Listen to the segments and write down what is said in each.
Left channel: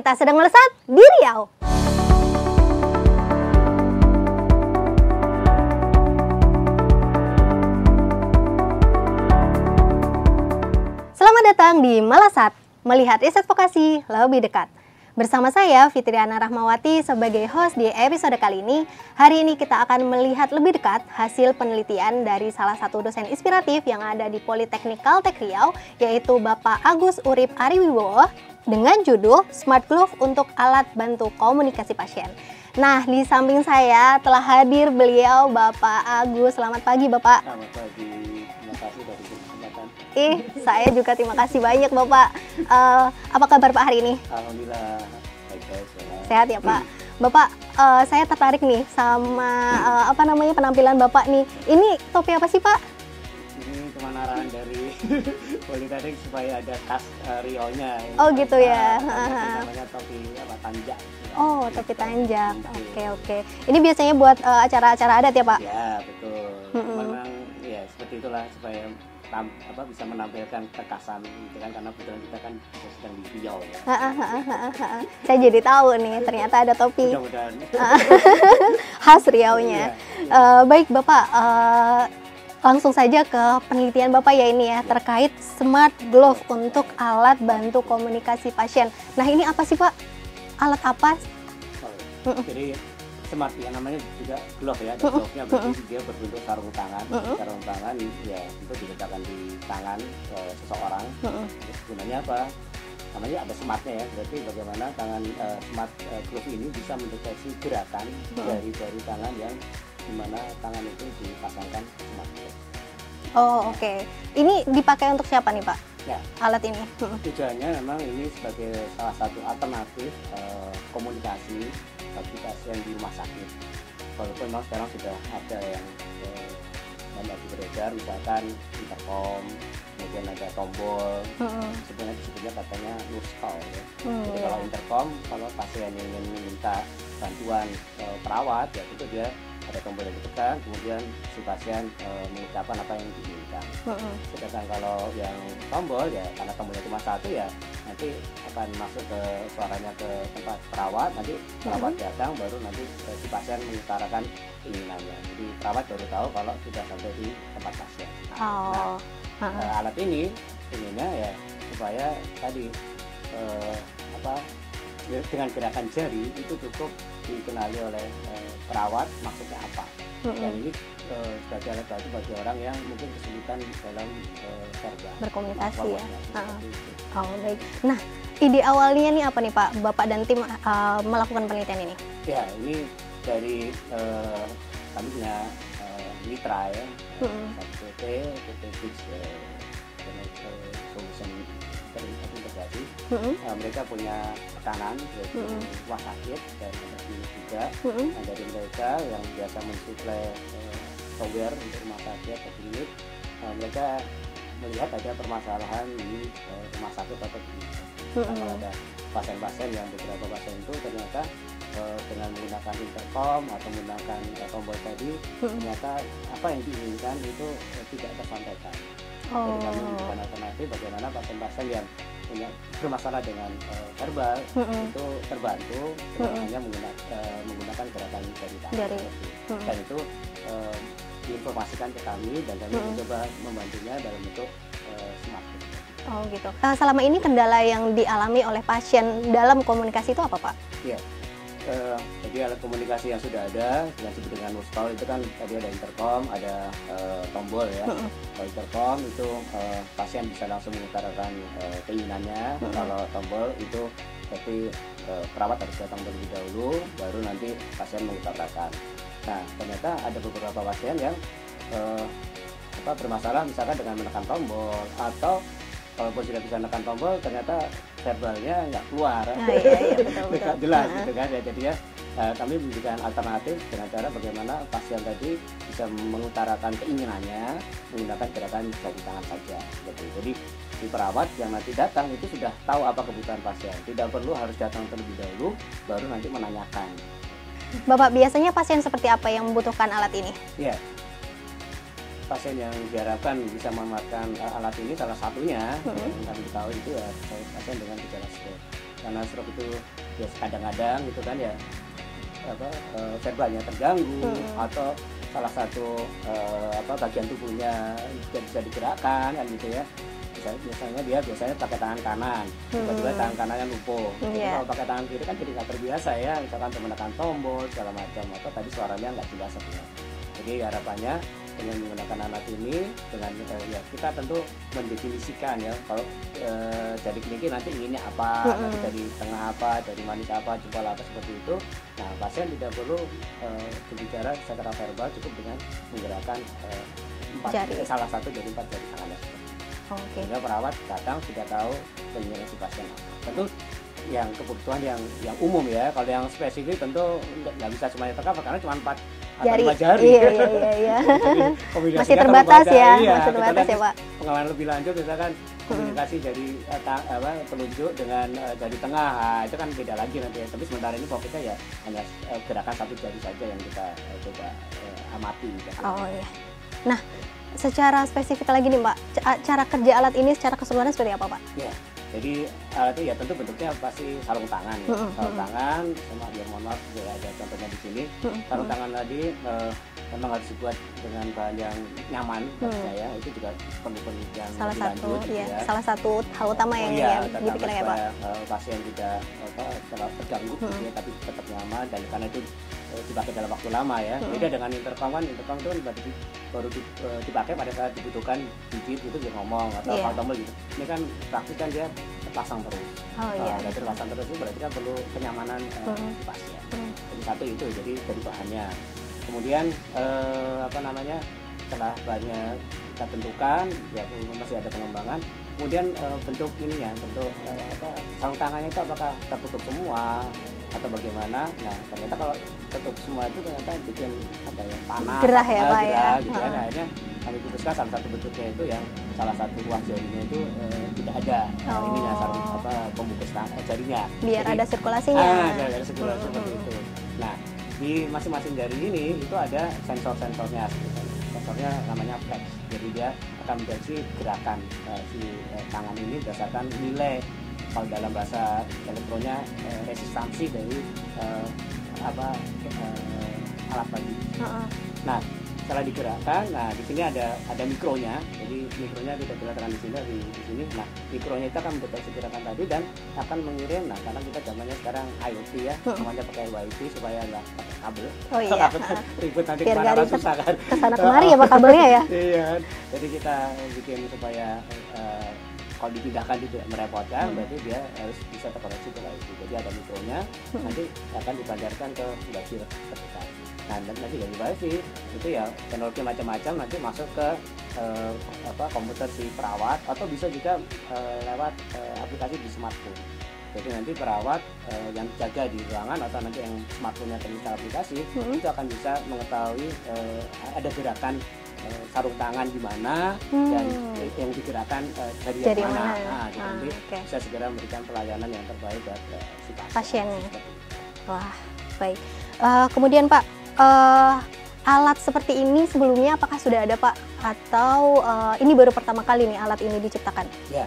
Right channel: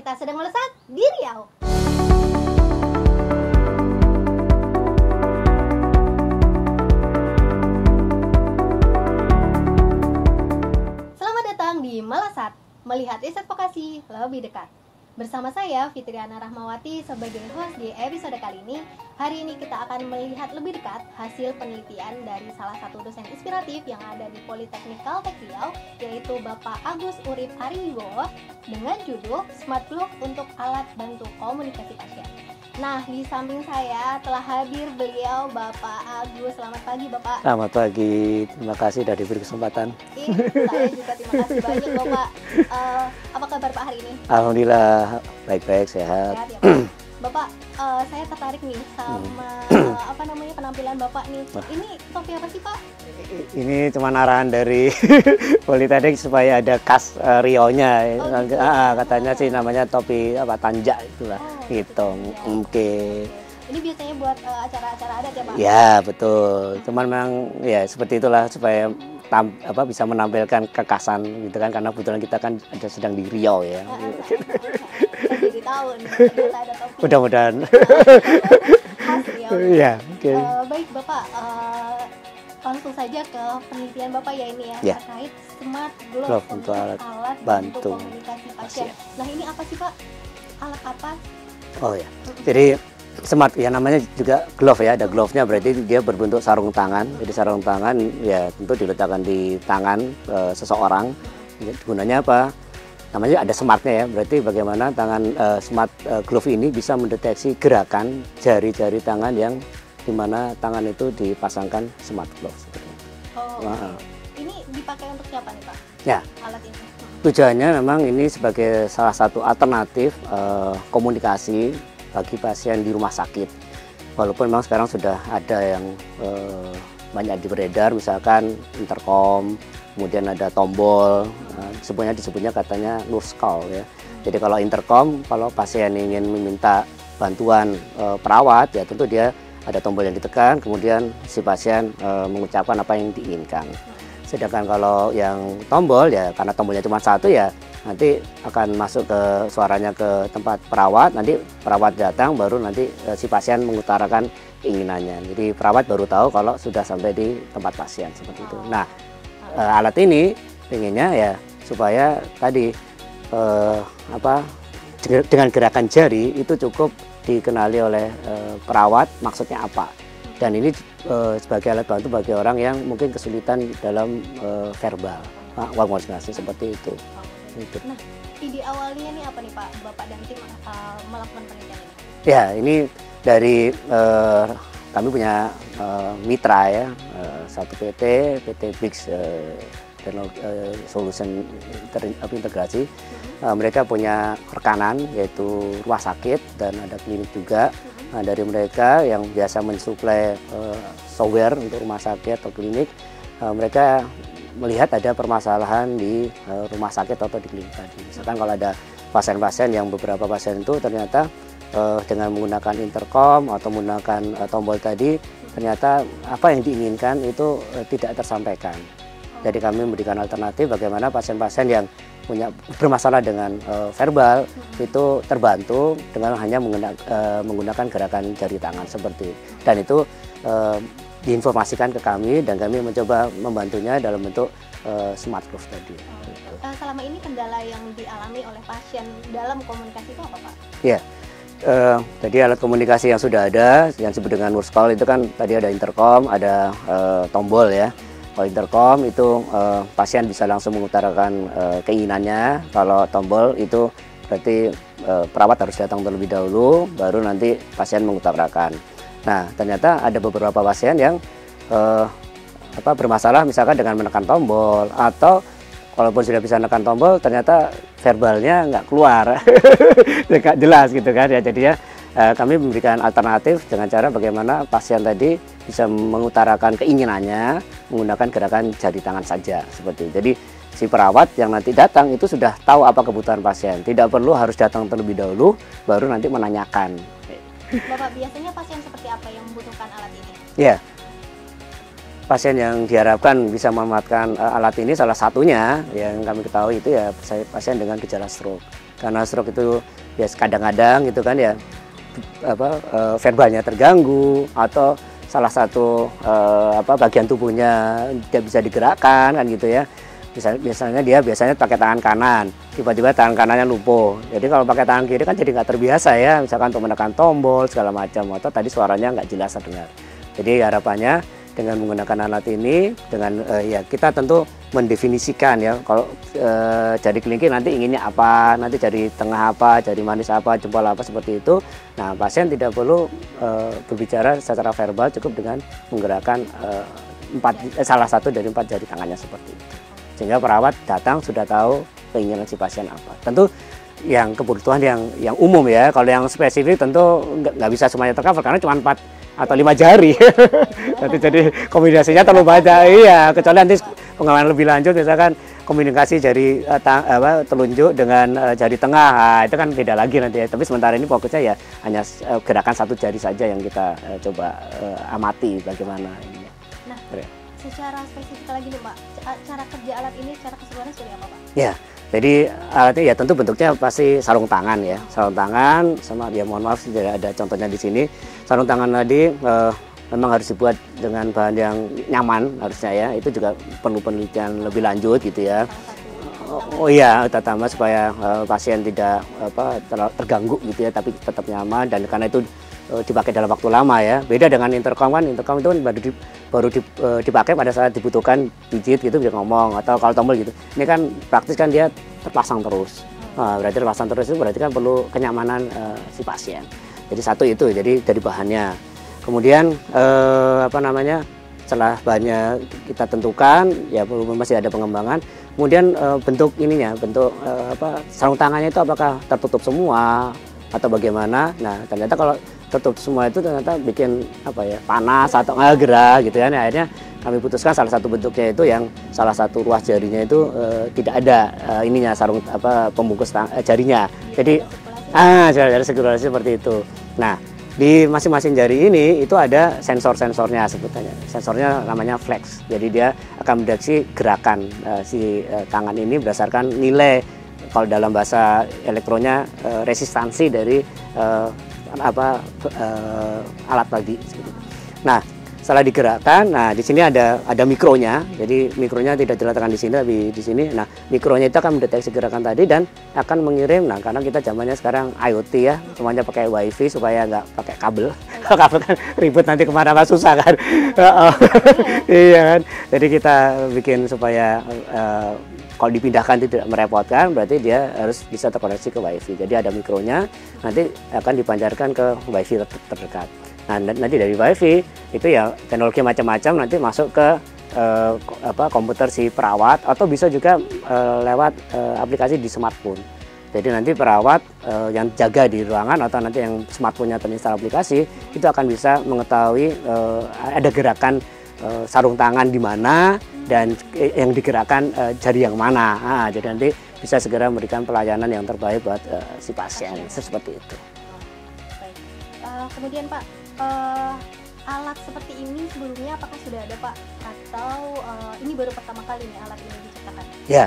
kita sedang melesat di Riau. Selamat datang di Melesat, melihat riset vokasi lebih dekat. Bersama saya, Fitriana Rahmawati, sebagai host di episode kali ini. Hari ini kita akan melihat lebih dekat hasil penelitian dari salah satu dosen inspiratif yang ada di Politeknik Kaltech Riau, yaitu Bapak Agus Urip Ariwibowo, dengan judul Smart Glove untuk Alat Bantu Komunikasi Pasien. Nah, di samping saya telah hadir beliau, Bapak Agus. Selamat pagi, Bapak. Selamat pagi, terima kasih sudah diberi kesempatan. Saya juga terima kasih banyak, Bapak. Apa kabar Pak hari ini? Alhamdulillah, baik-baik, sehat. Sehat ya, Pak. Bapak, saya tertarik nih sama penampilan Bapak nih. Ini topi apa sih, Pak? Ini cuma arahan dari Politeknik supaya ada khas Riau-nya. Oh gitu ya. Katanya sih namanya topi tanjak itulah. Oh, gitu. topi tanjak. Oke. Ini biasanya buat acara-acara adat ya, Pak? Ya, betul. Cuman memang ya seperti itulah supaya bisa menampilkan kekhasan gitu kan, karena kebetulan kita kan sedang di Riau ya. Saya jadi tahu nih ternyata ada topi. Mudah-mudahan khas Riau-nya. Iya, okay. Baik Bapak, langsung saja ke penelitian Bapak ya ini ya, terkait Smart Glove untuk alat bantu komunikasi pasien. Nah, ini apa sih Pak? Alat apa? Oh ya. Jadi smart ya, namanya juga glove ya, ada glove-nya, berarti dia berbentuk sarung tangan. Jadi sarung tangan ya tentu diletakkan di tangan seseorang. Gunanya apa? Namanya ada smartnya ya, berarti bagaimana tangan smart glove ini bisa mendeteksi gerakan jari-jari tangan yang dimana tangan itu dipasangkan smart glove. Oh, oke. Ini dipakai untuk siapa nih Pak? Ya. Alat ini. Tujuannya memang ini sebagai salah satu alternatif komunikasi bagi pasien di rumah sakit. Walaupun memang sekarang sudah ada yang banyak beredar, misalkan intercom, kemudian ada tombol, disebutnya katanya nurse call ya. Jadi kalau intercom, kalau pasien ingin meminta bantuan perawat, ya tentu dia ada tombol yang ditekan, kemudian si pasien mengucapkan apa yang diinginkan. Sedangkan kalau yang tombol ya, karena tombolnya cuma satu ya, nanti akan masuk ke suaranya ke tempat perawat, nanti perawat datang, baru nanti si pasien mengutarakan keinginannya. Jadi perawat baru tahu kalau sudah sampai di tempat pasien seperti itu. Nah, alat ini inginnya ya supaya tadi dengan gerakan jari itu cukup dikenali oleh perawat maksudnya apa, dan ini sebagai alat bantu bagi orang yang mungkin kesulitan dalam verbal komunikasi seperti itu. Oh, baik. Gitu. Nah, ide awalnya nih apa nih Pak, Bapak dan tim melakukan penelitian ini? Ya, ini dari kami punya mitra ya, satu PT Bix Solution Integrasi. Mereka punya rekanan yaitu rumah sakit dan ada klinik juga. Nah, dari mereka yang biasa mensuplai software untuk rumah sakit atau klinik, mereka melihat ada permasalahan di rumah sakit atau di klinik tadi. Misalkan kalau ada pasien-pasien yang beberapa pasien itu ternyata dengan menggunakan intercom atau menggunakan tombol tadi, ternyata apa yang diinginkan itu tidak tersampaikan. Jadi kami memberikan alternatif bagaimana pasien-pasien yang bermasalah dengan verbal itu terbantu dengan hanya menggunakan gerakan jari tangan seperti itu. Dan itu diinformasikan ke kami dan kami mencoba membantunya dalam bentuk smart glove tadi. Oh gitu. Selama ini kendala yang dialami oleh pasien dalam komunikasi itu apa Pak? Ya. Jadi alat komunikasi yang sudah ada yang disebut dengan nurse call itu kan tadi ada intercom, ada tombol ya. Kalau intercom itu pasien bisa langsung mengutarakan keinginannya. Kalau tombol itu berarti perawat harus datang terlebih dahulu, baru nanti pasien mengutarakan. Nah, ternyata ada beberapa pasien yang bermasalah misalkan dengan menekan tombol, atau walaupun sudah bisa menekan tombol ternyata verbalnya nggak keluar, nggak jelas gitu kan ya. Jadinya kami memberikan alternatif dengan cara bagaimana pasien tadi bisa mengutarakan keinginannya menggunakan gerakan jari tangan saja seperti itu. Jadi si perawat yang nanti datang itu sudah tahu apa kebutuhan pasien, tidak perlu harus datang terlebih dahulu baru nanti menanyakan. Bapak, biasanya pasien seperti apa yang membutuhkan alat ini? Ya, pasien yang diharapkan bisa memanfaatkan alat ini salah satunya yang kami ketahui itu ya pasien dengan gejala stroke. karena stroke itu ya kadang-kadang gitu kan ya verbalnya terganggu atau salah satu bagian tubuhnya tidak bisa digerakkan kan gitu ya. Biasanya dia pakai tangan kanan, tiba-tiba tangan kanannya lumpuh. Jadi kalau pakai tangan kiri kan jadi nggak terbiasa ya, misalkan untuk menekan tombol segala macam, atau tadi suaranya nggak jelas terdengar. Jadi harapannya dengan menggunakan alat ini, dengan ya kita tentu mendefinisikan ya, kalau jari kelingking nanti inginnya apa, nanti jari tengah apa, jari manis apa, jempol apa, seperti itu. Nah, pasien tidak perlu berbicara secara verbal, cukup dengan menggerakkan salah satu dari 4 jari tangannya seperti itu. Sehingga perawat datang sudah tahu keinginan si pasien apa. Tentu yang kebutuhan yang umum ya, kalau yang spesifik tentu nggak bisa semuanya tercover karena cuma 4 atau 5 jari. Jadi kombinasinya terlalu banyak. Iya, kecuali nanti pengembangan lebih lanjut misalkan komunikasi jari telunjuk dengan jari tengah, nah, itu kan beda lagi nanti ya. Tapi sementara ini fokusnya ya hanya gerakan 1 jari saja yang kita coba amati bagaimana. Nah, secara spesifik lagi nih Pak, cara kerja alat ini secara keseluruhan seperti apa Pak? Ya, jadi alatnya ya tentu bentuknya pasti sarung tangan ya, sarung tangan sama dia, mohon maaf tidak ada contohnya di sini. Sarung tangan tadi memang harus dibuat dengan bahan yang nyaman harusnya ya, itu juga perlu penelitian lebih lanjut gitu ya. Salah satu hal utama ya. Oh iya, utama supaya pasien tidak terganggu gitu ya, tapi tetap nyaman, dan karena itu dipakai dalam waktu lama ya. Beda dengan intercom kan, intercom itu baru dipakai pada saat dibutuhkan digit gitu bisa ngomong, atau kalau tombol gitu. Ini kan praktis kan dia terpasang terus. Nah, berarti terpasang terus itu berarti kan perlu kenyamanan si pasien. Jadi satu itu, jadi dari bahannya. Kemudian setelah bahannya kita tentukan ya masih ada pengembangan. Kemudian bentuk ininya, bentuk sarung tangannya itu apakah tertutup semua atau bagaimana? Nah, ternyata kalau tutup semua itu ternyata bikin panas atau gerah gitu ya. Nah, akhirnya kami putuskan salah satu bentuknya itu yang salah satu ruas jarinya itu tidak ada ininya, sarung pembungkus jarinya. Biar jadi ada sirkulasinya. ada sirkulasi seperti itu. Nah, di masing-masing jari ini itu ada sensor-sensornya sebetulnya. Sensornya namanya flex. Jadi dia akan mendeteksi gerakan si tangan ini berdasarkan nilai, kalau dalam bahasa elektronnya resistansi dari alat tadi. Nah, setelah digerakkan, nah di sini ada mikronya. Jadi mikronya tidak diletakkan di sini, tapi di sini. Nah, mikronya itu akan mendeteksi gerakan tadi dan akan mengirim. Nah, karena kita zamannya sekarang IoT ya, semuanya pakai WiFi supaya nggak pakai kabel. Kabel kan ribut nanti kemana-mana susah kan. Iya kan. Jadi kita bikin supaya kalau dipindahkan tidak merepotkan, berarti dia harus bisa terkoneksi ke WiFi. Jadi ada mikronya, nanti akan dipancarkan ke WiFi terdekat. Nah, nanti dari WiFi itu ya teknologi macam-macam nanti masuk ke komputer si perawat, atau bisa juga lewat aplikasi di smartphone. Jadi nanti perawat yang jaga di ruangan atau nanti yang smartphone-nya terinstall aplikasi itu akan bisa mengetahui ada gerakan sarung tangan di mana dan yang digerakkan jari yang mana. Nah, jadi nanti bisa segera memberikan pelayanan yang terbaik buat si pasien. Seperti itu. Wah, baik. Kemudian Pak, alat seperti ini sebelumnya apakah sudah ada Pak? Atau ini baru pertama kali nih alat ini diciptakan? Ya,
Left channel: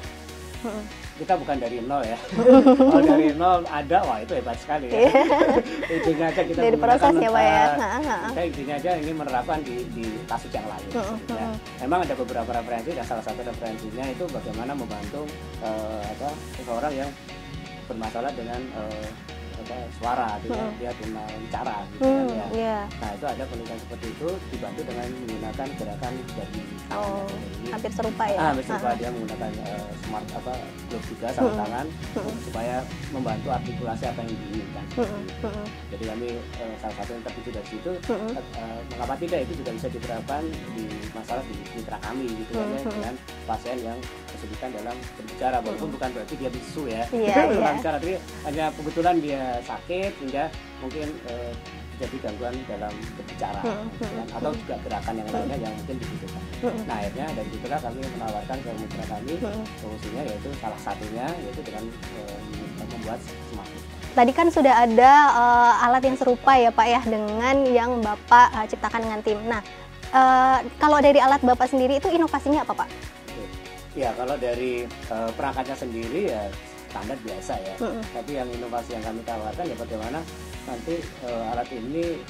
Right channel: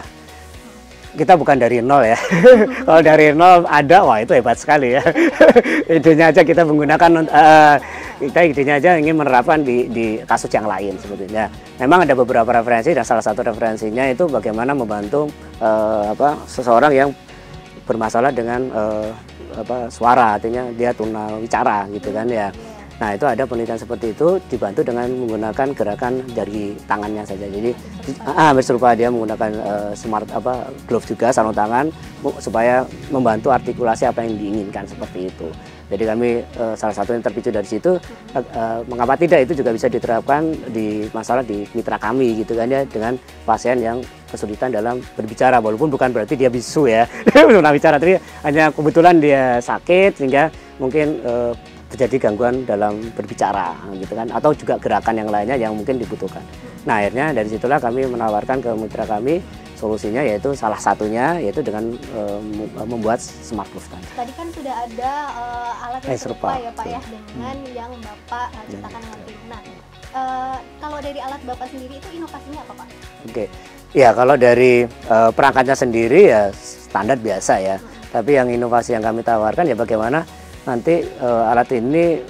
kita bukan dari nol ya. Kalau dari nol ada, wah itu hebat sekali ya. Idenya aja kita menggunakan, kita idenya aja ingin menerapkan di kasus yang lain sebetulnya. Memang ada beberapa referensi, dan salah satu referensinya itu bagaimana membantu seseorang yang bermasalah dengan suara, artinya dia tunawicara gitu kan ya. Nah, itu ada penelitian seperti itu dibantu dengan menggunakan gerakan jari tangannya saja. Jadi hampir serupa dia menggunakan smart glove juga, sarung tangan, supaya membantu artikulasi apa yang diinginkan seperti itu. Jadi kami salah satu yang terpicu dari situ, mengapa tidak itu juga bisa diterapkan di mitra kami gitu kan ya, dengan pasien yang kesulitan dalam berbicara, walaupun bukan berarti dia bisu ya. Tunawicara, tapi hanya kebetulan dia sakit sehingga mungkin terjadi gangguan dalam berbicara gitu kan, atau juga gerakan yang lainnya yang mungkin dibutuhkan. Nah, akhirnya dari situlah kami menawarkan ke mitra kami solusinya, yaitu salah satunya yaitu dengan membuat smart glove. Tadi kan sudah ada alat yang serupa ya Pak ya, dengan yang Bapak ciptakan dengan tim. Nah, kalau dari alat Bapak sendiri itu inovasinya apa Pak? Oke. Ya, kalau dari perangkatnya sendiri ya standar biasa ya. Tapi yang inovasi yang kami tawarkan ya bagaimana nanti alat ini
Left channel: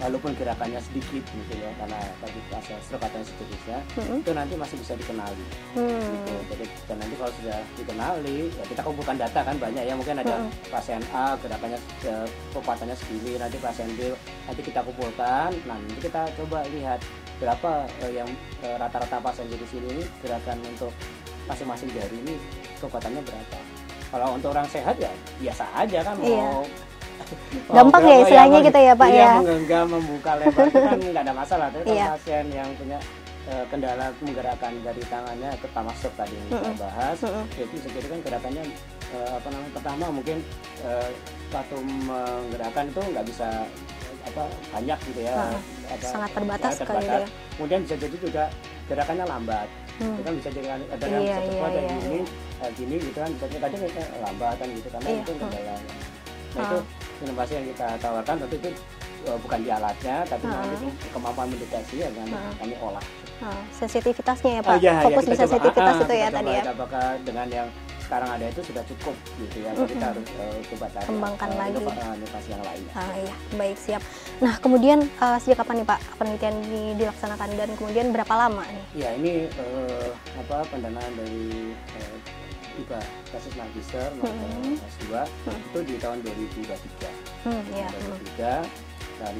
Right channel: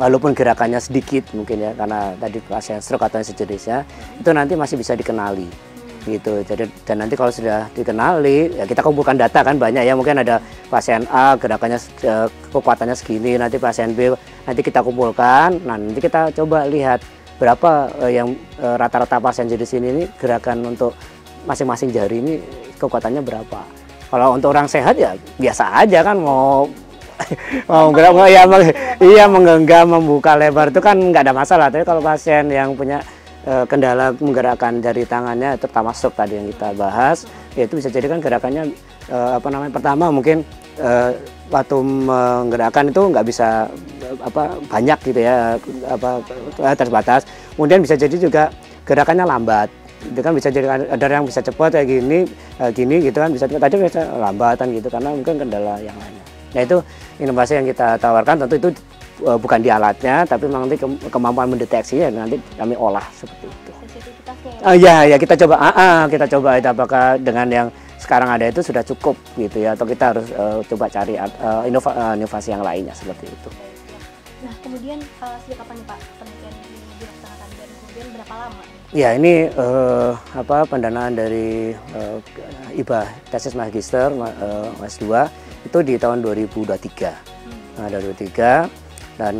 walaupun gerakannya sedikit mungkin ya, karena tadi pasien stroke atau sejenisnya, itu nanti masih bisa dikenali gitu. Jadi dan nanti kalau sudah dikenali ya kita kumpulkan data kan banyak ya, mungkin ada pasien A gerakannya kekuatannya segini, nanti pasien B nanti kita kumpulkan, nah nanti kita coba lihat berapa yang rata-rata pasien jenis ini gerakan untuk masing-masing jari ini kekuatannya berapa. Kalau untuk orang sehat ya biasa aja kan, mau menggenggam, membuka lebar itu kan nggak ada masalah. Tapi kalau pasien yang punya kendala menggerakkan jari tangannya, terutama stroke tadi yang kita bahas, ya itu bisa jadi kan gerakannya pertama mungkin waktu menggerakkan itu nggak bisa banyak gitu ya, terbatas. Kemudian bisa jadi juga gerakannya lambat. Itu kan bisa jadi ada yang bisa cepat kayak gini gitu kan, bisa tadi bisa lambatan gitu karena mungkin kendala yang lain. Nah itu inovasi yang kita tawarkan, tentu itu bukan di alatnya, tapi memang nanti kemampuan mendeteksinya nanti kami olah seperti itu. Sensitivitasnya ya Pak? Iya, kita coba, itu apakah dengan yang sekarang ada itu sudah cukup gitu ya, atau kita harus coba cari inovasi yang lainnya seperti itu. Baik, siap. Nah kemudian sejak kapan nih Pak penelitian dilaksanakan dan kemudian berapa lama nih? Ya ini pendanaan dari IBA tesis magister S2 itu di tahun 2023. Nah 2023 dan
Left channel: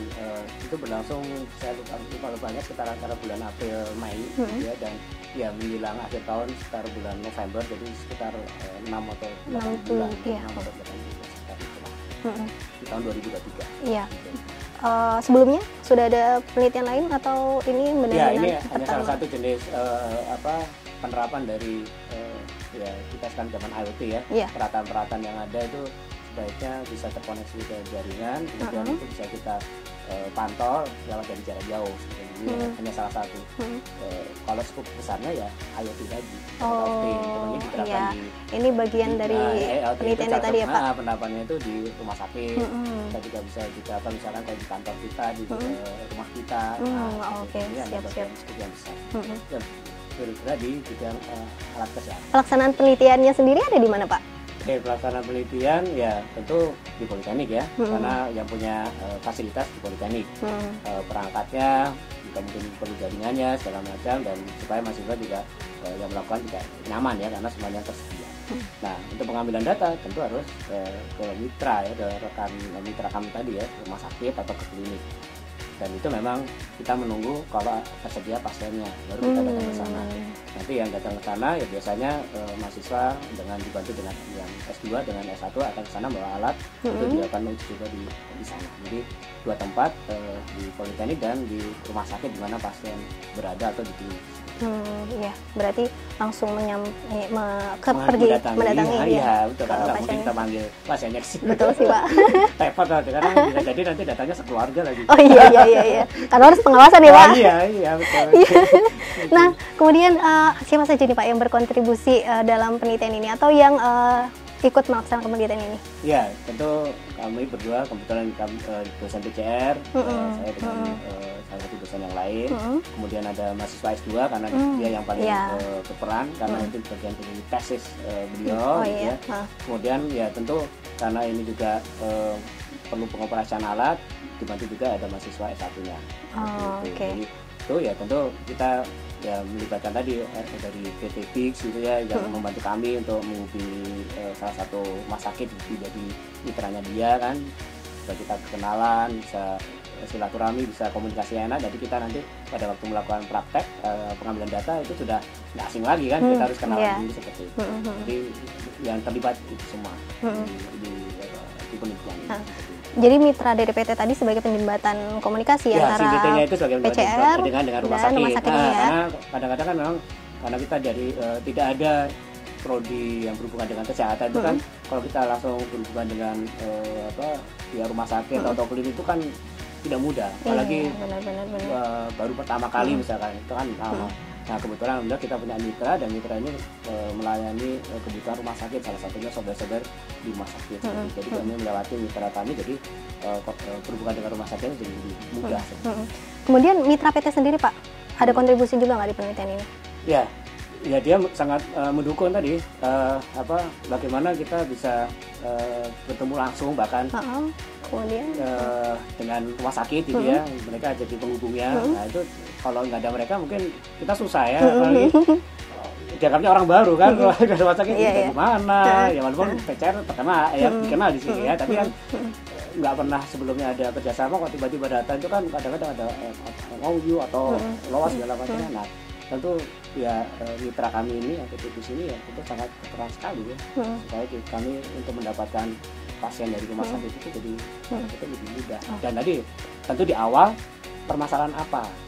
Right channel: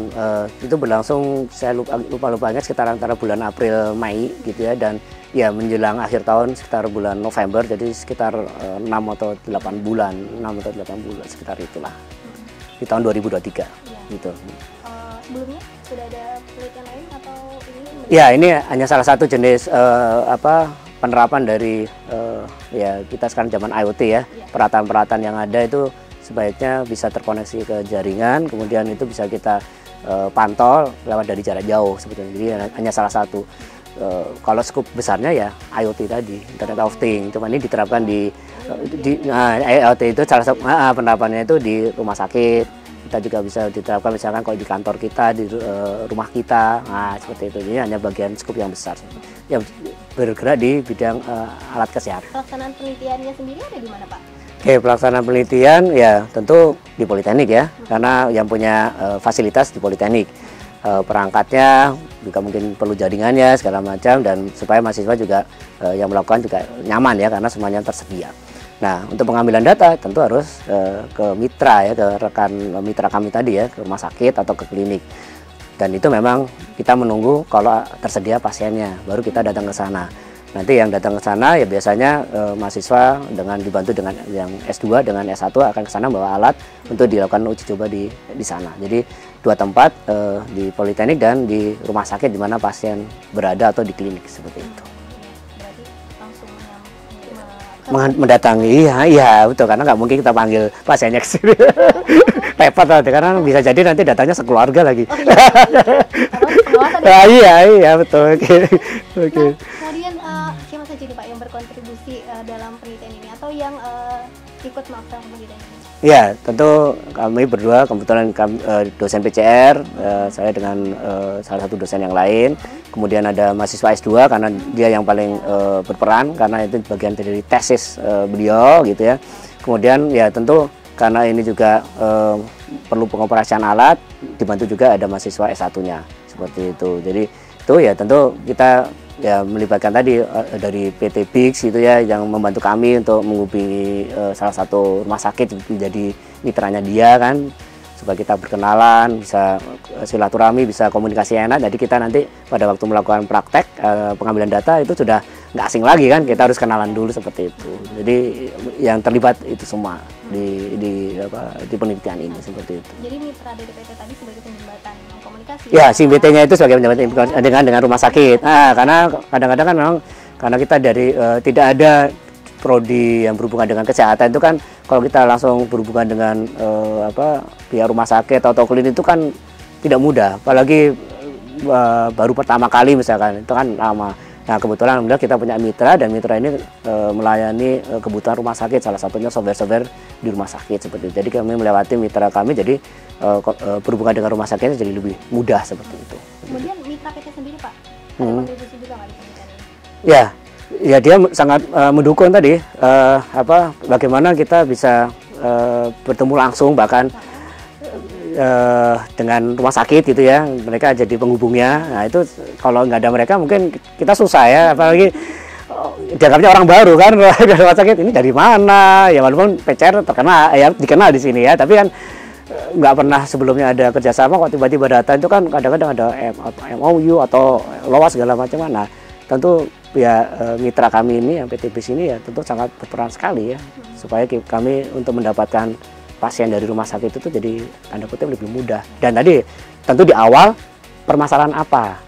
itu berlangsung, saya lupa-lupanya sekitar antara bulan April Mei gitu ya, dan ya menjelang akhir tahun sekitar bulan November, jadi sekitar 6 atau 8 bulan, 6 atau 8 bulan sekitar itulah. Di tahun 2023 gitu. Sebelumnya sudah ada penelitian lain atau ini? Ya ini hanya salah satu jenis penerapan dari ya kita sekarang zaman IoT ya. Peralatan-peralatan yang ada itu sebaiknya bisa terkoneksi ke jaringan, kemudian itu bisa kita pantau lewat dari jarak jauh seperti ini. Jadi hanya salah satu. Kalau skup besarnya ya IoT tadi, Internet of Things. Cuma ini diterapkan IoT itu salah satu penerapannya itu di rumah sakit. Kita juga bisa diterapkan misalkan kalau di kantor kita, di rumah kita, seperti itu. Ini hanya bagian skup yang besar yang bergerak di bidang alat kesehatan. Pelaksanaan penelitiannya sendiri ada di mana Pak? Oke, pelaksanaan penelitian ya tentu di Politeknik ya, karena yang punya fasilitas di Politeknik. Perangkatnya juga mungkin perlu jaringannya segala macam, dan supaya mahasiswa juga yang melakukan juga nyaman ya, karena semuanya tersedia. Nah, untuk pengambilan data tentu harus ke mitra ya, ke rekan mitra kami tadi ya, ke rumah sakit atau ke klinik. Dan itu memang kita menunggu kalau tersedia pasiennya, baru kita datang ke sana. Nanti yang datang ke sana ya biasanya mahasiswa dengan dibantu dengan yang S2 dengan S1 akan ke sana bawa alat untuk dilakukan uji coba di sana. Jadi 2 tempat, di Politeknik dan di rumah sakit di mana pasien berada atau di klinik seperti itu. Iya, berarti langsung mendatangi, iya betul, karena nggak mungkin kita panggil pasiennya ke sini. Repot banget, karena bisa jadi nanti datanya sekeluarga lagi. Oh iya, karena harus pengawasan ya. Iya betul. Nah kemudian siapa saja nih Pak yang berkontribusi dalam penelitian ini atau yang ikut melaksanakan penelitian ini? Ya, tentu kami berdua, kebetulan dosen PCR, saya dengan salah satu dosen yang lain. Kemudian ada mahasiswa S2 karena dia yang paling berperan, karena itu bagian dari tesis beliau gitu ya. Kemudian ya tentu karena ini juga perlu pengoperasian alat, dibantu juga ada mahasiswa S1-nya seperti itu. Jadi itu ya tentu kita ya melibatkan tadi dari PT Bix gitu ya, yang membantu kami untuk menghubungi salah satu rumah sakit menjadi mitranya dia kan, supaya kita berkenalan, bisa silaturahmi, bisa komunikasi enak. Jadi kita nanti pada waktu melakukan praktek pengambilan data itu sudah nggak asing lagi kan, kita harus kenalan dulu seperti itu. Jadi yang terlibat itu semua di penelitian ini seperti itu. Jadi mitra dari PT tadi sebagai penjembatan komunikasi ya? Si PT-nya itu sebagai penjembatan dengan rumah sakit. Karena kadang-kadang kan memang karena kita dari tidak ada prodi yang berhubungan dengan kesehatan itu kan, kalau kita langsung berhubungan dengan pihak rumah sakit atau klinik itu kan tidak mudah, apalagi baru pertama kali misalkan, itu kan lama. Nah kebetulan alhamdulillah kita punya mitra, dan mitra ini melayani kebutuhan rumah sakit, salah satunya software di rumah sakit seperti itu. Jadi kami melewati mitra kami, jadi berhubungan dengan rumah sakit jadi lebih mudah seperti itu. Kemudian mitra PT sendiri Pak, ada kontribusi juga nggak di penelitian ini? Ya, Ya dia sangat mendukung tadi bagaimana kita bisa bertemu langsung bahkan dengan rumah sakit gitu ya, mereka jadi penghubungnya. Nah itu kalau nggak ada mereka mungkin kita susah ya, apalagi dianggapnya orang baru kan dari rumah sakit ini dari mana ya, walaupun PCR terkenal ya, dikenal di sini ya, tapi kan nggak pernah sebelumnya ada kerjasama, kok tiba-tiba datang itu kan kadang-kadang ada MOU atau LOA segala macam. Nah tentu ya mitra kami ini yang PT BIS ini ya tentu sangat berperan sekali ya, supaya kami untuk mendapatkan pasien dari rumah sakit itu jadi tanda kutip lebih mudah. Dan tadi tentu di awal permasalahan apa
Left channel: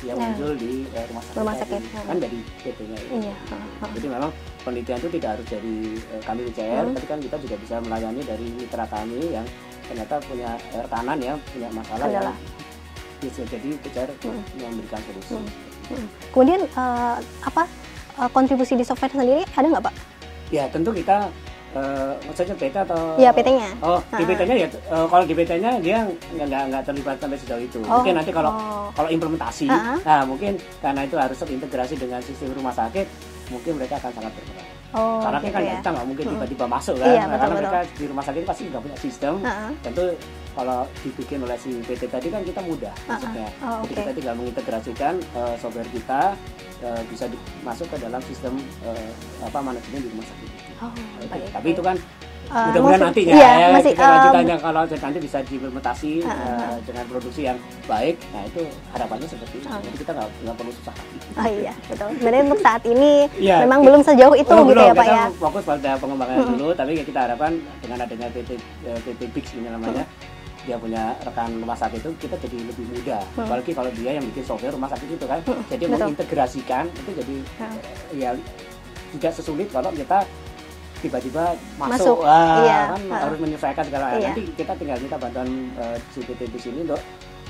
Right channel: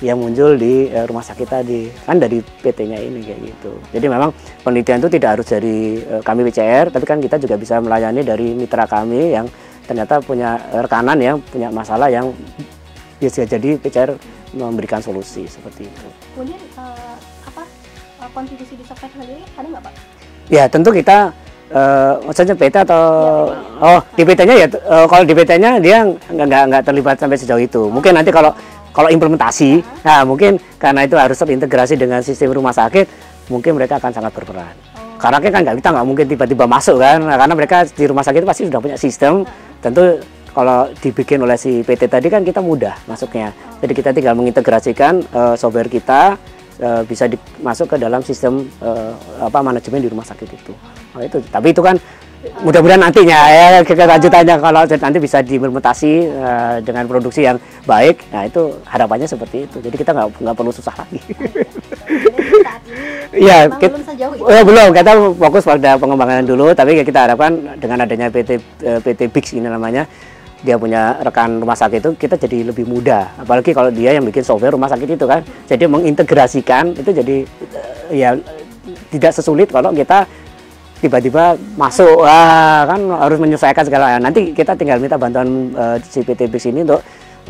yang muncul di rumah sakit tadi kan dari PT-nya ini gitu. Jadi memang penelitian itu tidak harus dari kami PCR, tapi kan kita juga bisa melayani dari mitra kami yang ternyata punya rekanan yang punya masalah yang bisa jadi PCR memberikan solusi seperti itu. Kemudian kontribusi di software sendiri ada nggak Pak? Ya tentu kita maksudnya PT atau ya, PT-nya. Di PT-nya ya kalau di PT-nya dia nggak terlibat sampai sejauh itu. Mungkin nanti kalau implementasi, nah mungkin karena itu harus terintegrasi dengan sistem rumah sakit, mungkin mereka akan sangat berperan. Karena kan kita nggak mungkin tiba-tiba masuk kan, karena mereka di rumah sakit pasti sudah punya sistem. Tentu kalau dibikin oleh si PT tadi kan kita mudah masuknya. Jadi kita tinggal mengintegrasikan software kita bisa masuk ke dalam sistem manajemen di rumah sakit itu. Itu. Tapi itu kan mudah-mudahan nantinya kita lanjutannya kalau nanti bisa diimplementasi dengan produksi yang baik. Nah itu harapannya seperti itu. Jadi kita nggak perlu susah lagi. Iya, betul. Jadi untuk saat ini memang belum sejauh itu. Belum, kita fokus pada pengembangan dulu. Tapi kita harapkan dengan adanya PT BIS ini namanya, dia punya rekan rumah sakit itu kita jadi lebih mudah, apalagi kalau dia yang bikin software rumah sakit itu kan, jadi mengintegrasikan itu jadi ya tidak sesulit kalau kita tiba-tiba masuk. Kan harus menyesuaikan segala. Nanti kita tinggal minta bantuan si PT BIS ini untuk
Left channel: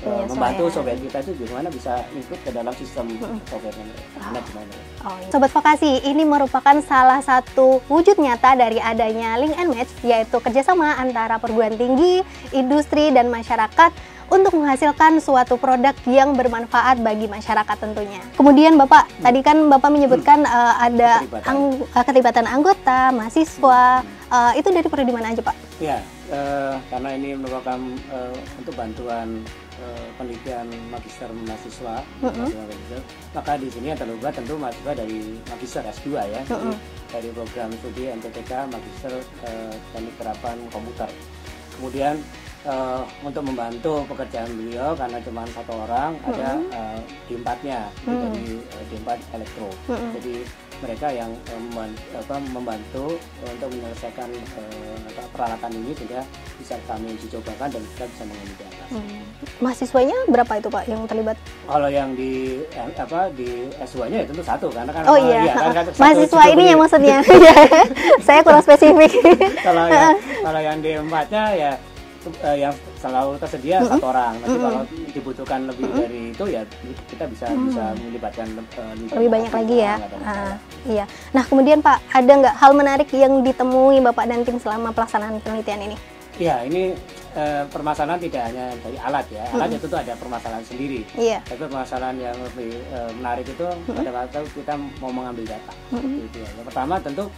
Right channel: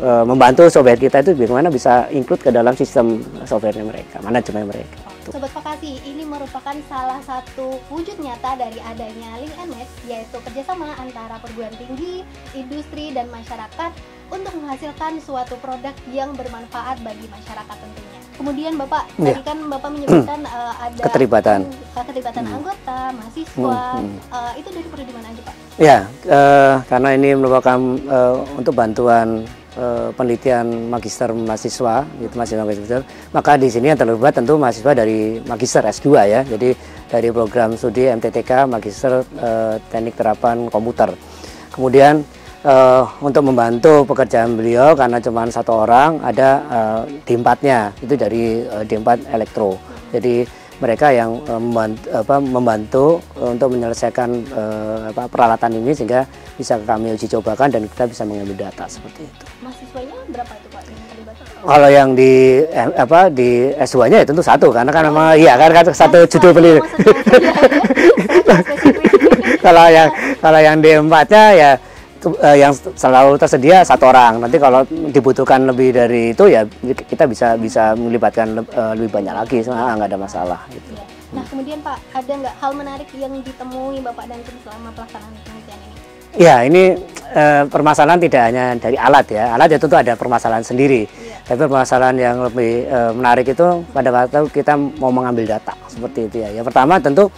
membantu software kita itu bagaimana bisa include ke dalam sistem softwarenya mereka, manajemen mereka. Sobat Vokasi, ini merupakan salah satu wujud nyata dari adanya link and match, yaitu kerjasama antara perguruan tinggi, industri, dan masyarakat untuk menghasilkan suatu produk yang bermanfaat bagi masyarakat tentunya. Kemudian Bapak, tadi kan Bapak menyebutkan ada keterlibatan anggota, mahasiswa, itu dari prodi mana aja Pak? Ya, karena ini merupakan untuk bantuan penelitian magister mahasiswa, maka di sini yang terlibat tentu mahasiswa dari magister S2 ya, jadi dari program studi MTTK Magister Teknik Terapan Komputer. Kemudian untuk membantu pekerjaan beliau karena cuma satu orang, ada D4-nya itu dari D4 Elektro. Jadi mereka yang membantu untuk menyelesaikan peralatan ini sehingga bisa kami uji cobakan dan kita bisa mengambil data seperti itu. Mahasiswanya berapa itu Pak yang terlibat? Kalau yang di S2-nya ya tentu satu, karena kan memang kan satu judul penelitian. Maksudnya saya kurang spesifik. Kalau yang D4-nya ya yang selalu tersedia satu orang. Nanti kalau dibutuhkan lebih dari itu ya kita bisa melibatkan lebih banyak lagi, nggak ada masalah. Iya. Nah kemudian Pak, ada nggak hal menarik yang ditemui Bapak dan tim selama pelaksanaan penelitian ini? Ya, ini permasalahan tidak hanya dari alat ya. Alat ya tentu ada permasalahan sendiri. Tapi permasalahan yang lebih menarik itu pada waktu kita mau mengambil data seperti itu ya. Yang pertama tentu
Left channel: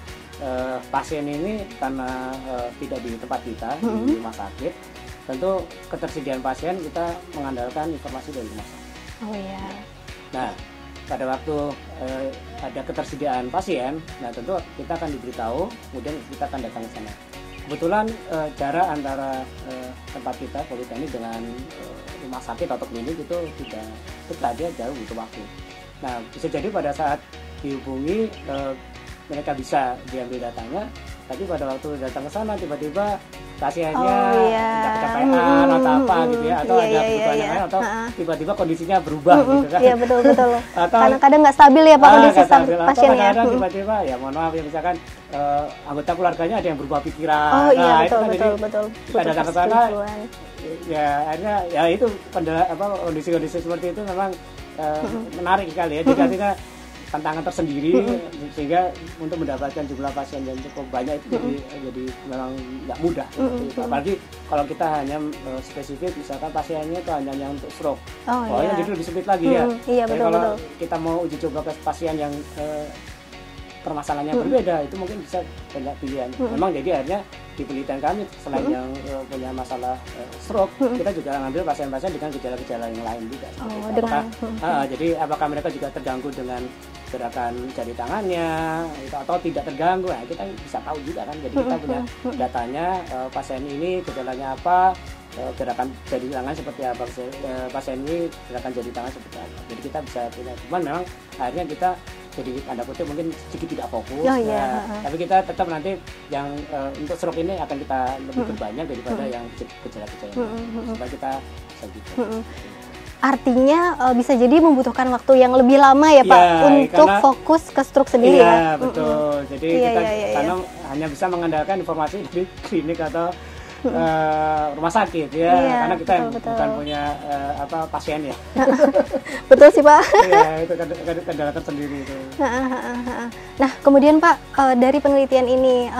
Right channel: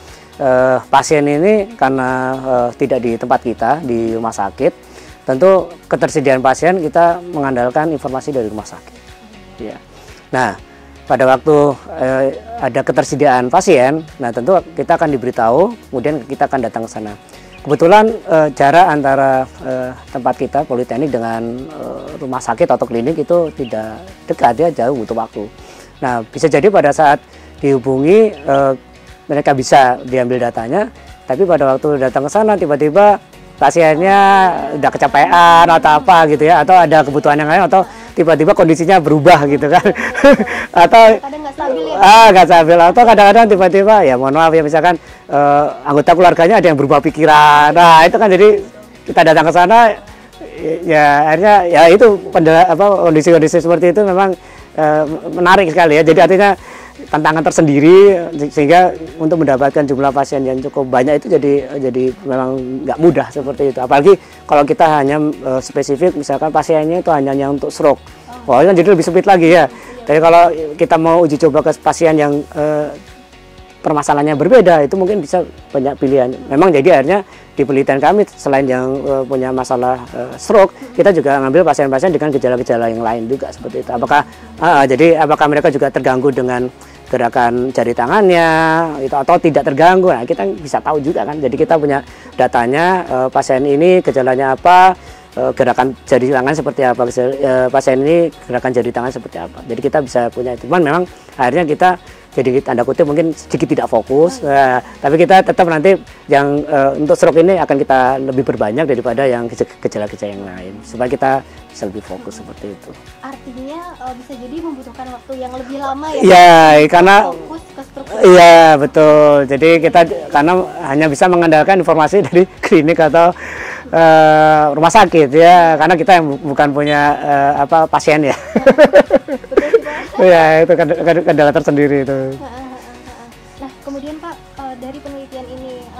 pasien ini karena tidak di tempat kita di rumah sakit, tentu ketersediaan pasien kita mengandalkan informasi dari rumah sakit. Ya. Nah, pada waktu ada ketersediaan pasien, nah tentu kita akan diberitahu, kemudian kita akan datang ke sana. Kebetulan jarak antara tempat kita Politeknik dengan rumah sakit atau klinik itu tidak dekat, ya jauh butuh waktu. Nah, bisa jadi pada saat dihubungi mereka bisa diambil datanya, tapi pada waktu datang ke sana tiba-tiba pasiennya udah kecapean atau apa gitu ya, atau ada kebutuhan yang lain, atau tiba-tiba kondisinya berubah gitu kan. Betul. Atau kadang nggak stabil ya Pak. Nggak stabil, atau kadang-kadang tiba-tiba ya mohon maaf ya, misalkan anggota keluarganya ada yang berubah pikiran. Itu kan jadi kita datang ke sana ya akhirnya ya itu kondisi-kondisi seperti itu memang menarik sekali ya. Jadi artinya tantangan tersendiri, sehingga untuk mendapatkan jumlah pasien yang cukup banyak itu jadi memang nggak mudah seperti itu. Apalagi kalau kita hanya spesifik misalkan pasiennya itu hanya untuk stroke, jadi lebih sempit lagi ya. Jadi kalau kita mau uji coba ke pasien yang permasalahannya berbeda, itu mungkin bisa banyak pilihan. Memang jadi akhirnya di penelitian kami selain yang punya masalah stroke, kita juga ngambil pasien-pasien dengan gejala-gejala yang lain juga seperti itu. Apakah mereka juga terganggu dengan gerakan jari tangannya itu atau tidak terganggu? Nah, kita bisa tahu juga kan. Jadi kita punya datanya, pasien ini gejalanya apa, gerakan jari tangan seperti apa, pasien ini gerakan jari tangan seperti apa. Jadi kita bisa punya itu. Cuman memang akhirnya kita jadi tanda kutip mungkin sedikit tidak fokus. Tapi kita tetap nanti yang untuk stroke ini akan kita lebih berbanyak daripada yang gejala-gejala yang lain supaya kita bisa lebih fokus seperti itu. Artinya bisa jadi membutuhkan waktu yang lebih lama ya Pak untuk karena fokus ke stroke sendiri. Iya betul. Jadi kita karena hanya bisa mengandalkan informasi dari klinik atau rumah sakit ya, karena kita yang bukan punya pasien ya. Betul sih Pak. Iya, itu kendala tersendiri itu. Nah kemudian Pak, dari penelitian ini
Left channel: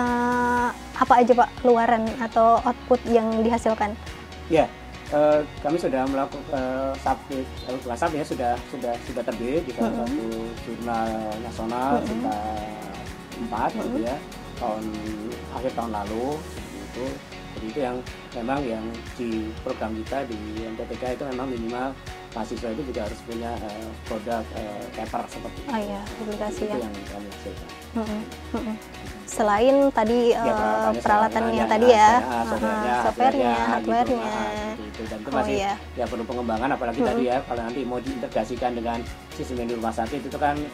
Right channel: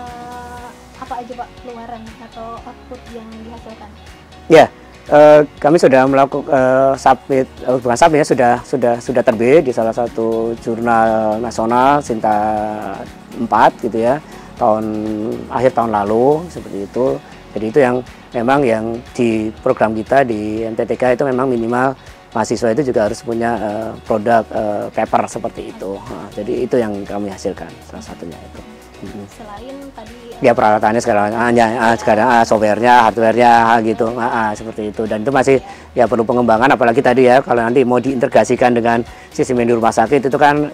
apa aja Pak keluaran atau output yang dihasilkan? Ya, kami sudah melakukan bukan submit ya, sudah terbit di salah satu jurnal nasional Sinta 4 gitu ya, akhir tahun lalu seperti itu. Jadi itu yang memang yang di program kita di NTTK itu memang minimal mahasiswa itu juga harus punya produk paper seperti itu. Jadi itu yang kami hasilkan salah satunya. Selain tadi peralatannya sekarang softwarenya, hardwarenya gitu, seperti itu. Dan itu masih ya perlu pengembangan, apalagi tadi ya kalau nanti mau diintegrasikan dengan sistem di rumah sakit itu kan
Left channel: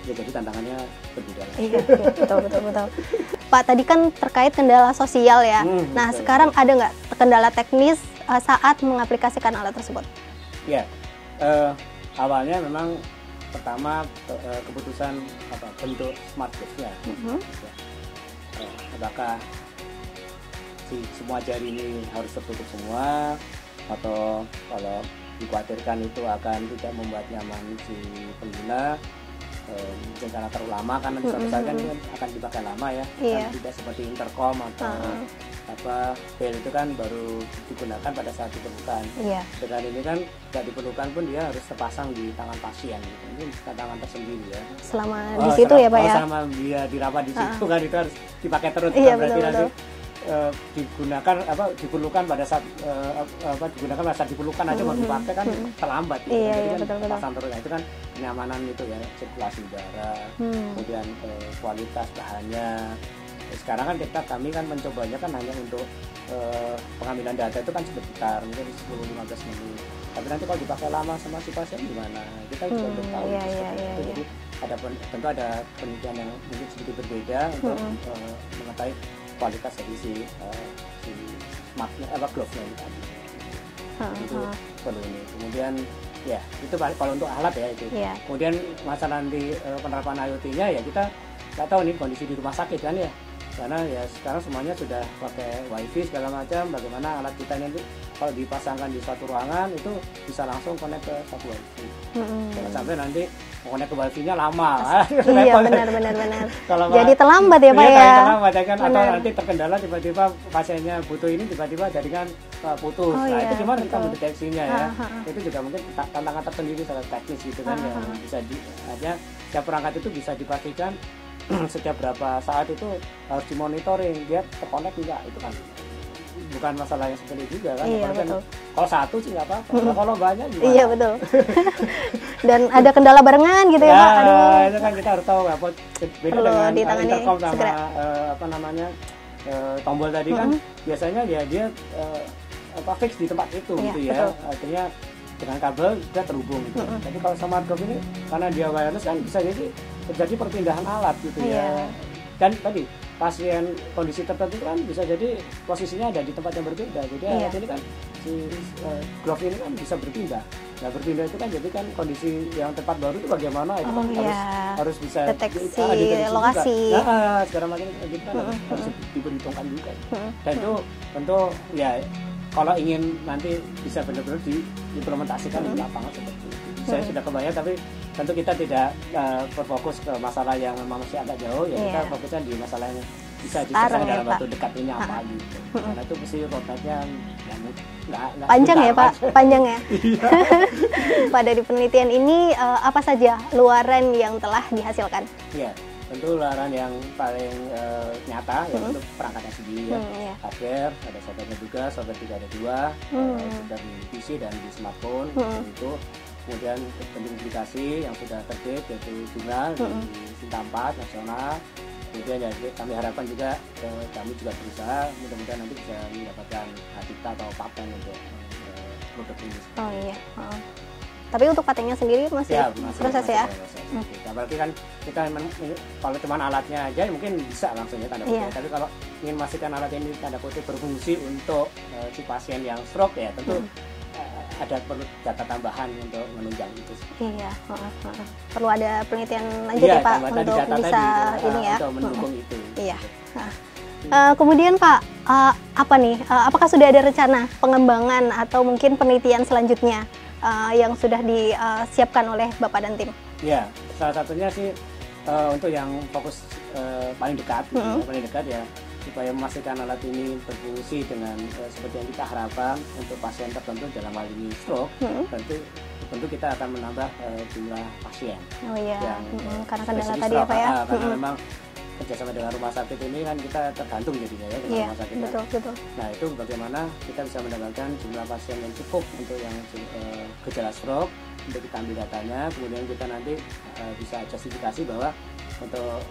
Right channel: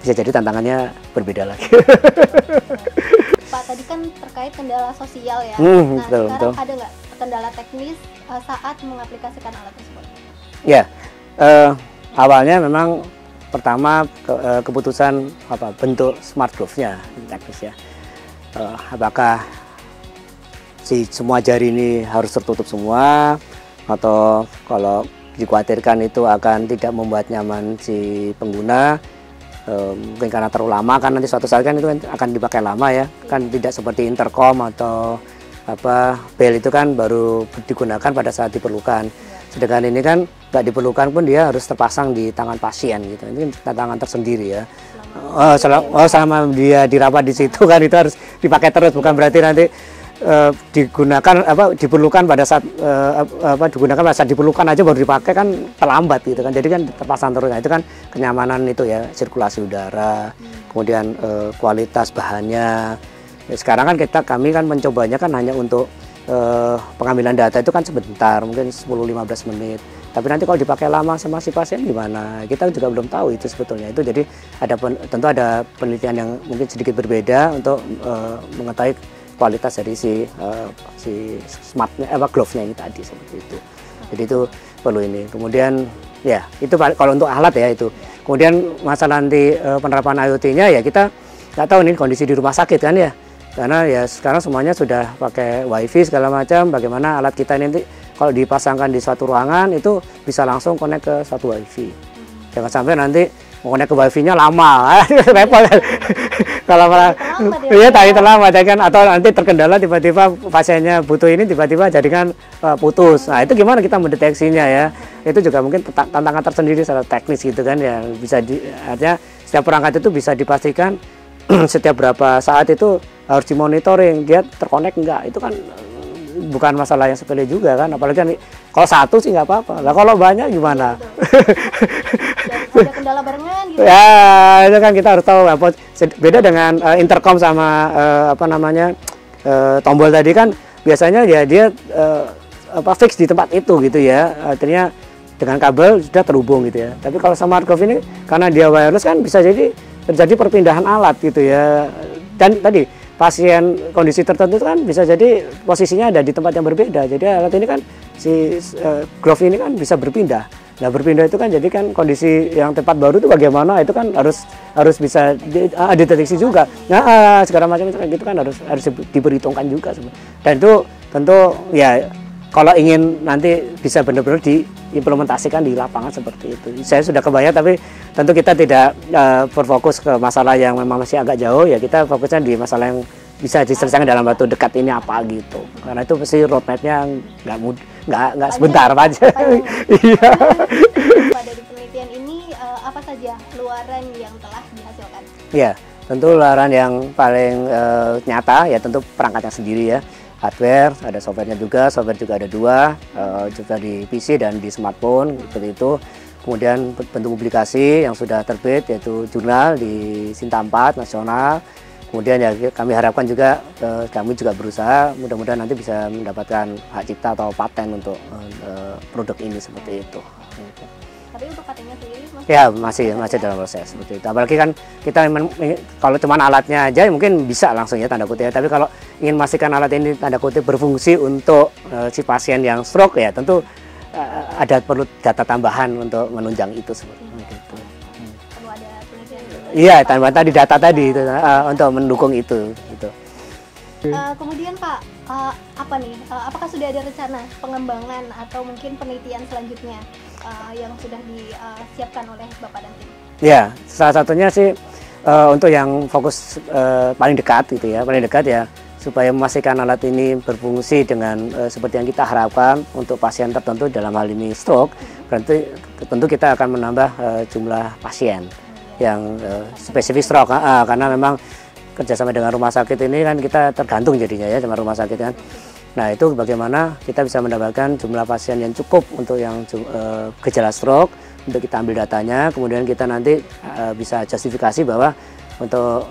bisa jadi tantangannya berbeda lagi. Betul. Pak, tadi kan terkait kendala sosial ya. Nah, sekarang ada nggak kendala teknis saat mengaplikasikan alat tersebut? Ya, awalnya memang pertama keputusan bentuk smart glove-nya teknis ya. Apakah semua jari ini harus tertutup semua, atau kalau dikhawatirkan itu akan tidak membuat nyaman si pengguna. Mungkin karena terlalu lama kan nanti suatu saat kan itu akan dipakai lama ya, kan tidak seperti intercom atau bel itu kan baru digunakan pada saat diperlukan. Sedangkan ini kan nggak diperlukan pun dia harus terpasang di tangan pasien gitu. Ini tantangan tersendiri ya. Selama dia dirawat di situ kan itu harus dipakai terus, bukan berarti nanti diperlukan pada saat diperlukan aja baru dipakai kan terlambat gitu kan. Jadi kan terpasang terus. Nah, itu kan kenyamanan itu ya, sirkulasi udara, kemudian kualitas bahannya. Ya, sekarang kan kami kan mencobanya kan hanya untuk pengambilan data itu kan sebentar, mungkin 10-15 menit. Tapi nanti kalau dipakai lama sama si pasien gimana? Kita juga belum tahu itu sebetulnya. Itu jadi tentu ada penelitian yang mungkin sedikit berbeda untuk mengetahui kualitas dari si smartnya, glove-nya ini tadi seperti itu. Jadi itu perlu ini. Kemudian ya itu kalau untuk alat ya itu. Kemudian masalah nanti penerapan IoT-nya ya kita nggak tahu nih kondisi di rumah sakit kan ya. Karena ya sekarang semuanya sudah pakai wifi segala macam. Bagaimana alat kita ini nanti kalau dipasangkan di suatu ruangan itu bisa langsung connect ke satu wifi. Jangan sampai nanti mau connect ke wifi-nya lama, repot. Kalau jadi terlambat ya Pak. Iya, terlambat ya kan, atau nanti terkendala tiba-tiba pasiennya butuh ini tiba-tiba jaringan putus. Nah, itu gimana kita mendeteksinya ya? Itu juga mungkin tantangan tersendiri secara teknis gitu kan ya. Artinya setiap perangkat itu bisa dipastikan setiap berapa saat itu harus dimonitoring dia terkonek enggak. Itu kan bukan masalah yang sepele juga kan, apalagi kan kalau satu sih nggak apa-apa. Lah kalau banyak gimana? Iya betul. Dan ada kendala barengan gitu ya. Itu kan kita harus tahu beda dengan intercom sama tombol tadi kan biasanya ya dia fix di tempat itu gitu ya. Artinya dengan kabel sudah terhubung gitu ya. Tapi kalau smart glove ini karena dia wireless kan bisa jadi terjadi perpindahan alat gitu ya. Dan tadi pasien kondisi tertentu itu kan bisa jadi posisinya ada di tempat yang berbeda. Jadi alat ini kan glove ini kan bisa berpindah. Nah berpindah itu kan jadi kan kondisi yang tempat baru itu bagaimana itu kan harus bisa deteksi juga. Nah segala macam itu kan harus diperhitungkan juga. Dan itu tentu ya kalau ingin nanti bisa benar-benar diimplementasikan di lapangan seperti itu. Saya sudah kebayang, tapi tentu kita tidak berfokus ke masalah yang memang masih agak jauh ya. Kita fokusnya di masalah yang bisa diselesaikan dalam waktu dekat ini apa gitu. Karena itu pasti roadmap-nya nggak sebentar panjang. Iya. Pak dari penelitian ini apa saja luaran yang telah dihasilkan? Ya, tentu luaran yang paling nyata ya tentu perangkatnya sendiri ya. Hardware, ada softwarenya juga, software juga ada dua, juga di PC dan di smartphone, seperti itu. Kemudian bentuk publikasi yang sudah terbit yaitu jurnal di Sinta 4 nasional. Kemudian ya kami harapkan juga kami juga berusaha mudah-mudahan nanti bisa mendapatkan hak cipta atau paten untuk produk ini seperti itu. Tapi untuk patennya sendiri masih masih dalam proses seperti itu. Apalagi kan kita kalau cuma alatnya aja mungkin bisa langsung ya tanda kutip. Tapi kalau ingin memastikan alat ini tanda kutip berfungsi untuk si pasien yang stroke ya tentu ada perlu data tambahan untuk menunjang itu seperti itu. Perlu ada penelitian lagi. Iya, tambah tadi data tadi itu untuk mendukung itu. Iya. Gitu. Kemudian Pak, apakah sudah ada rencana pengembangan atau mungkin penelitian selanjutnya yang sudah disiapkan oleh Bapak dan tim? Ya, salah satunya sih untuk yang fokus paling dekat gitu ya, paling dekat ya supaya memastikan alat ini berfungsi dengan seperti yang kita harapkan untuk pasien tertentu dalam hal ini stroke. Berarti tentu kita akan menambah jumlah pasien yang spesifik stroke karena memang kerjasama dengan rumah sakit ini kan kita tergantung jadinya ya dengan rumah sakit kan. Nah itu bagaimana kita bisa mendapatkan jumlah pasien yang cukup untuk yang gejala stroke, untuk kita ambil datanya, kemudian kita nanti bisa justifikasi bahwa untuk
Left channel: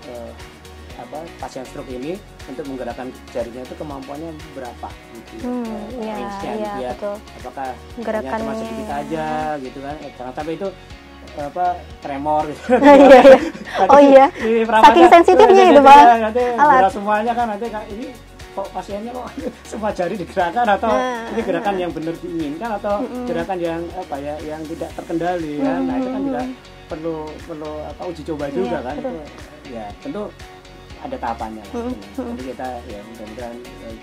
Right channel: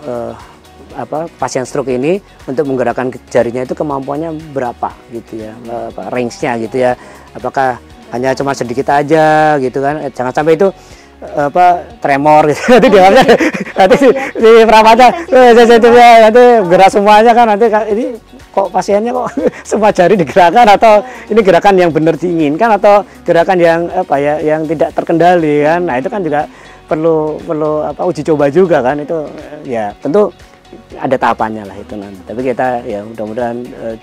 pasien stroke ini untuk menggerakkan jarinya itu kemampuannya berapa gitu ya, range-nya gitu ya. Apakah hanya cuma sedikit aja gitu kan? Jangan sampai itu tremor gitu. Di perawatan nanti gerak semuanya kan nanti ini kok pasiennya kok semua jari digerakkan atau ini gerakan yang benar diinginkan atau gerakan yang yang tidak terkendali kan. Nah, itu kan juga perlu uji coba juga kan itu ya tentu ada tahapannya lah itu nanti. Tapi kita ya mudah-mudahan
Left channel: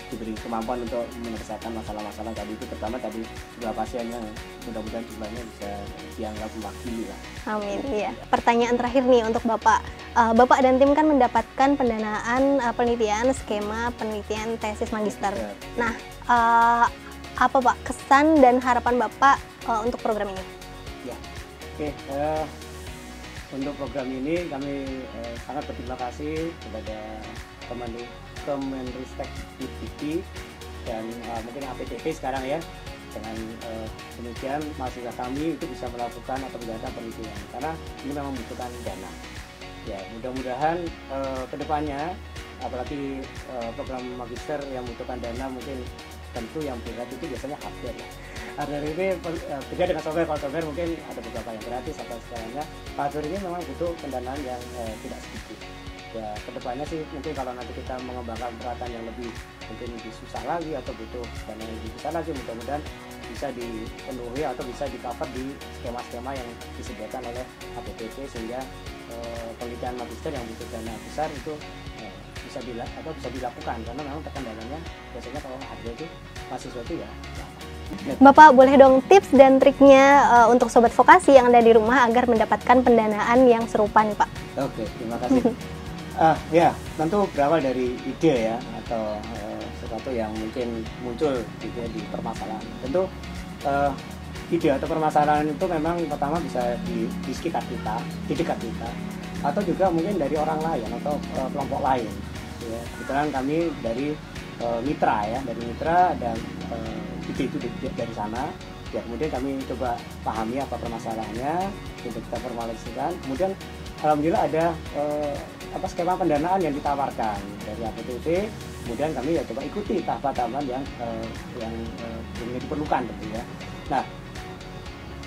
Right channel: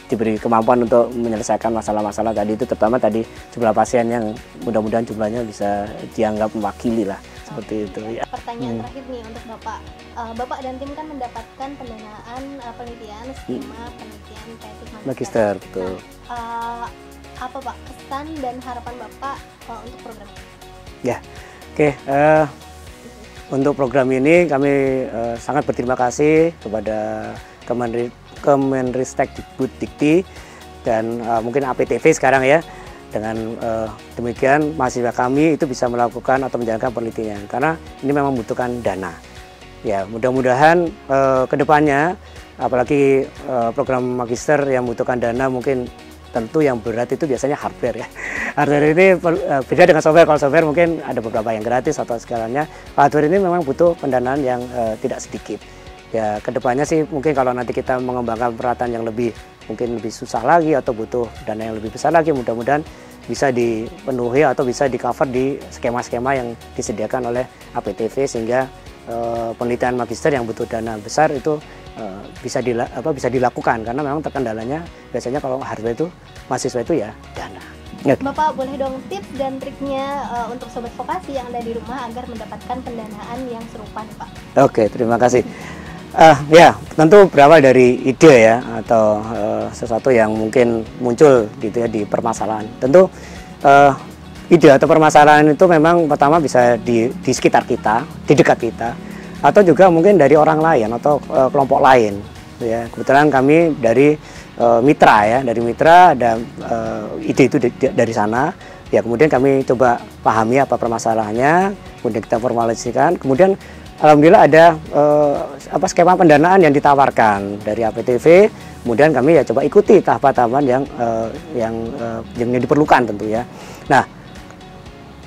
diberi kemampuan untuk menyelesaikan masalah-masalah tadi itu, terutama tadi jumlah pasien yang mudah-mudahan jumlahnya bisa dianggap mewakili lah. Seperti itu. Ya. Pertanyaan terakhir nih untuk Bapak. Bapak dan tim kan mendapatkan pendanaan penelitian skema penelitian tesis magister. Nah, apa Pak kesan dan harapan Bapak untuk program ini? Ya, oke. Untuk program ini kami sangat berterima kasih kepada Kemenristek Dikti dan mungkin APTV sekarang ya. Dengan demikian mahasiswa kami itu bisa melakukan atau menjalankan penelitian karena ini memang membutuhkan dana. Ya mudah-mudahan kedepannya apalagi program magister yang membutuhkan dana mungkin tentu yang berat itu biasanya hardware ya. Hardware ini beda dengan software. Kalau software mungkin ada beberapa yang gratis atau segalanya. Hardware ini memang butuh pendanaan yang tidak sedikit. Ya kedepannya sih mungkin kalau nanti kita mengembangkan peralatan yang mungkin lebih susah lagi atau butuh dana yang lebih besar lagi, mudah-mudahan bisa dipenuhi atau bisa di cover di skema-skema yang disediakan oleh APTV sehingga penelitian magister yang butuh dana besar itu bisa dilakukan karena memang terkendalanya biasanya kalau hardware itu mahasiswa itu ya dana. Bapak boleh dong tips dan triknya untuk sobat vokasi yang ada di rumah agar mendapatkan pendanaan yang serupa nih Pak? Oke, terima kasih. Ya tentu berawal dari ide ya atau sesuatu yang mungkin muncul gitu ya di permasalahan. Tentu ide atau permasalahan itu memang pertama bisa di sekitar kita, di dekat kita, atau juga mungkin dari orang lain atau kelompok lain. Ya, kebetulan kami dari mitra ya, dari mitra ada ide itu dari sana. Ya kemudian kami coba pahami apa permasalahannya, kemudian kita formalisasikan. Kemudian alhamdulillah ada skema pendanaan yang ditawarkan dari APTV. Kemudian kami ya coba ikuti tahapan-tahapan yang diperlukan tentu ya. Nah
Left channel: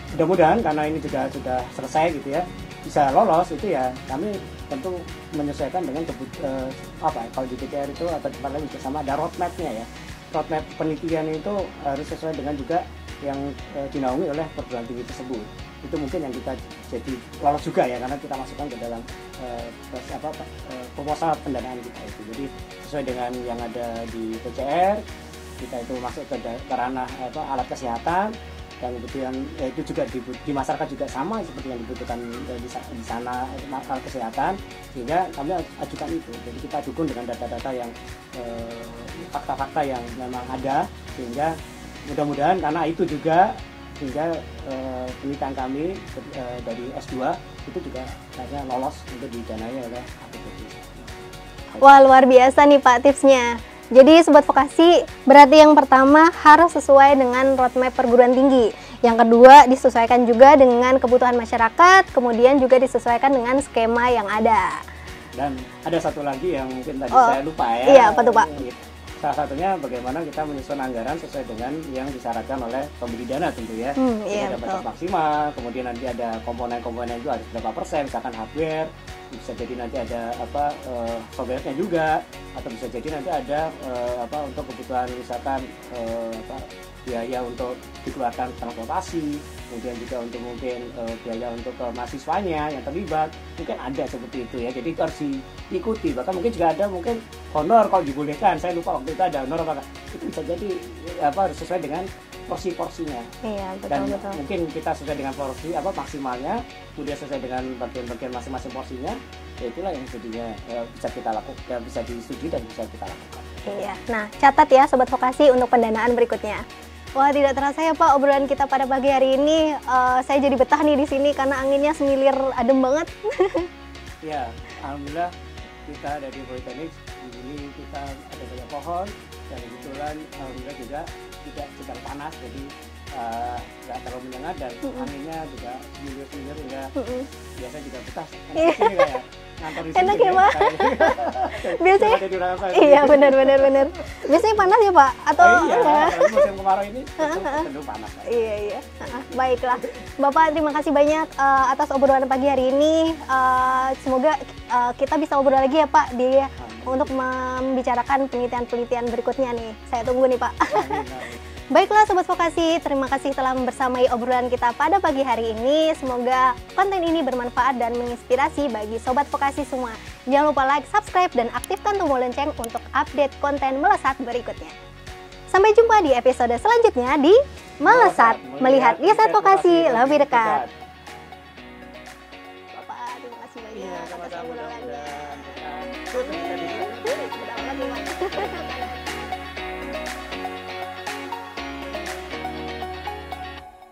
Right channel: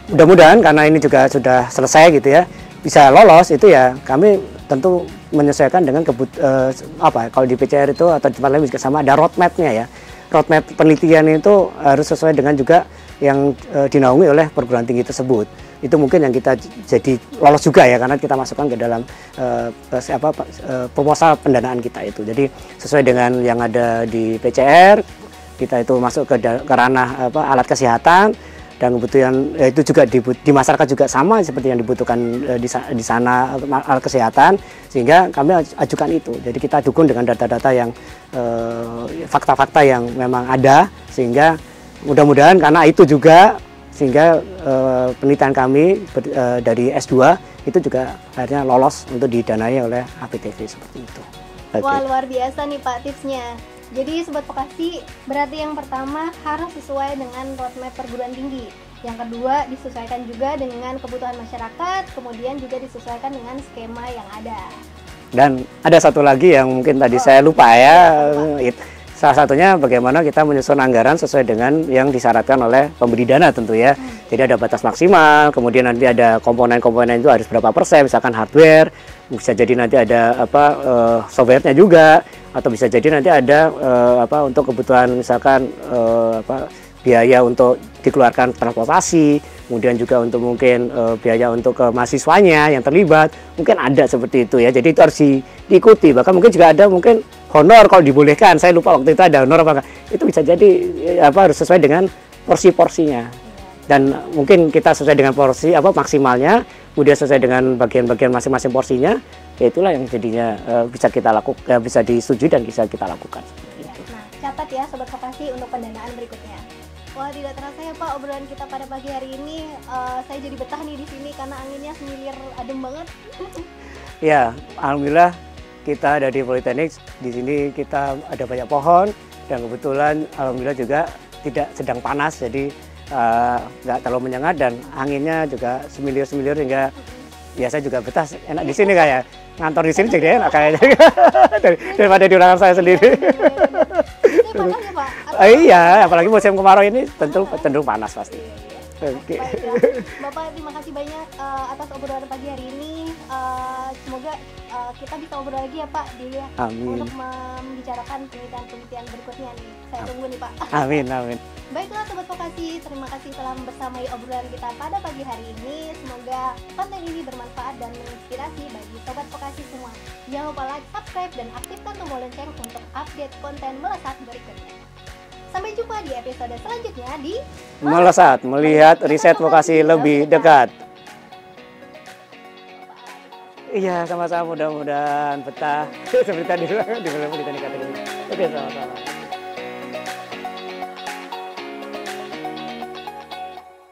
mudah-mudahan karena ini juga sudah selesai gitu ya, bisa lolos itu ya kami tentu menyesuaikan dengan kalau di PCR itu atau tempat lain juga sama ada roadmap-nya ya. Roadmap penelitian itu harus sesuai dengan juga yang dinaungi oleh perguruan tinggi tersebut. Itu mungkin yang kita jadi lolos juga ya karena kita masukkan ke dalam proposal pendanaan kita itu. Jadi sesuai dengan yang ada di PCR, kita itu masuk ke ranah alat kesehatan. Dan kebutuhan itu juga di masyarakat juga sama seperti yang dibutuhkan di sana alat kesehatan, sehingga kami ajukan itu. Jadi kita dukung dengan data-data yang fakta-fakta yang memang ada, sehingga mudah-mudahan karena itu juga sehingga penelitian kami dari S2 itu juga akhirnya lolos untuk didanai oleh APTV seperti itu. Wah, luar biasa nih Pak tipsnya. Jadi Sobat Vokasi, berarti yang pertama harus sesuai dengan roadmap perguruan tinggi. Yang kedua disesuaikan juga dengan kebutuhan masyarakat, kemudian juga disesuaikan dengan skema yang ada. Dan ada satu lagi yang mungkin tadi saya lupa ya. Iya, apa tuh, Pak? Salah satunya bagaimana kita menyusun anggaran sesuai dengan yang disyaratkan oleh pemberi dana tentu ya. Jadi ada batas maksimal, kemudian nanti ada komponen-komponen itu harus berapa persen, misalkan hardware, bisa jadi nanti ada softwarenya juga, atau bisa jadi nanti ada untuk kebutuhan misalkan biaya untuk dikeluarkan transportasi, kemudian juga untuk mungkin biaya untuk ke mahasiswanya yang terlibat, mungkin ada seperti itu ya. Jadi itu harus diikuti. Bahkan mungkin juga ada mungkin honor kalau dibolehkan. Saya lupa waktu itu ada honor apa enggak. Itu bisa jadi harus sesuai dengan porsi-porsinya. Iya, dan mungkin kita sesuai dengan porsi maksimalnya, kemudian sesuai dengan bagian-bagian masing-masing porsinya. Ya itulah yang jadinya bisa kita lakukan, bisa disetujui dan bisa kita lakukan. Iya. Nah, catat ya Sobat Vokasi untuk pendanaan berikutnya. Wah, tidak terasa ya Pak, obrolan kita pada pagi hari ini. Saya jadi betah nih di sini karena anginnya semilir adem banget. Ya, alhamdulillah kita dari Politeknik di sini kita ada banyak pohon dan kebetulan alhamdulillah juga tidak sedang panas, jadi nggak terlalu menyengat dan anginnya juga semilir-semilir sehingga ya saya juga betah enak di sini kayak ngantor di sini juga ya kayaknya daripada di ruangan saya sendiri. Iya, benar. Biasanya panas ya Pak? Atau Iya, apalagi musim kemarau ini tentu panas pasti. Iya. Baiklah, Bapak terima kasih banyak atas obrolan pagi hari ini. Semoga kita bisa ngobrol lagi ya Pak untuk membicarakan penelitian-penelitian berikutnya nih. Saya tunggu nih Pak. Amin. Baiklah Sobat Vokasi, terima kasih telah membersamai obrolan kita pada pagi hari ini. Semoga konten ini bermanfaat dan menginspirasi bagi Sobat Vokasi semua. Jangan lupa like, subscribe, dan aktifkan tombol lonceng untuk update konten Melesat berikutnya. Sampai jumpa di episode selanjutnya di Melesat, melihat riset vokasi lebih dekat. Iya, sama-sama mudah-mudahan betah. Seperti tadi.